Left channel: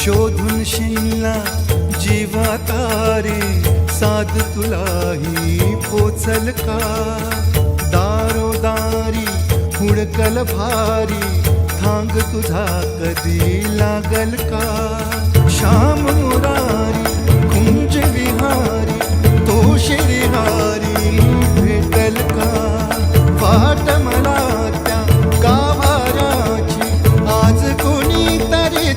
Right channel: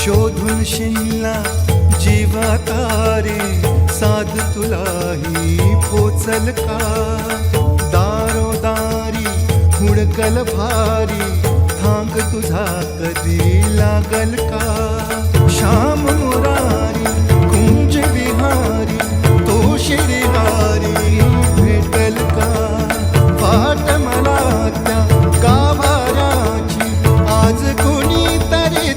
शोधून शिनला जीवा तारे, साध तुलाही पोचल का? दारोदारी हुडकल भारी, थांग तुझा कधी लागल का? श्याम मुरारी कुंज विहारी, तो शिरिहारी भेटल का? वाट मला त्या गाभाराची, आज कोणी तरी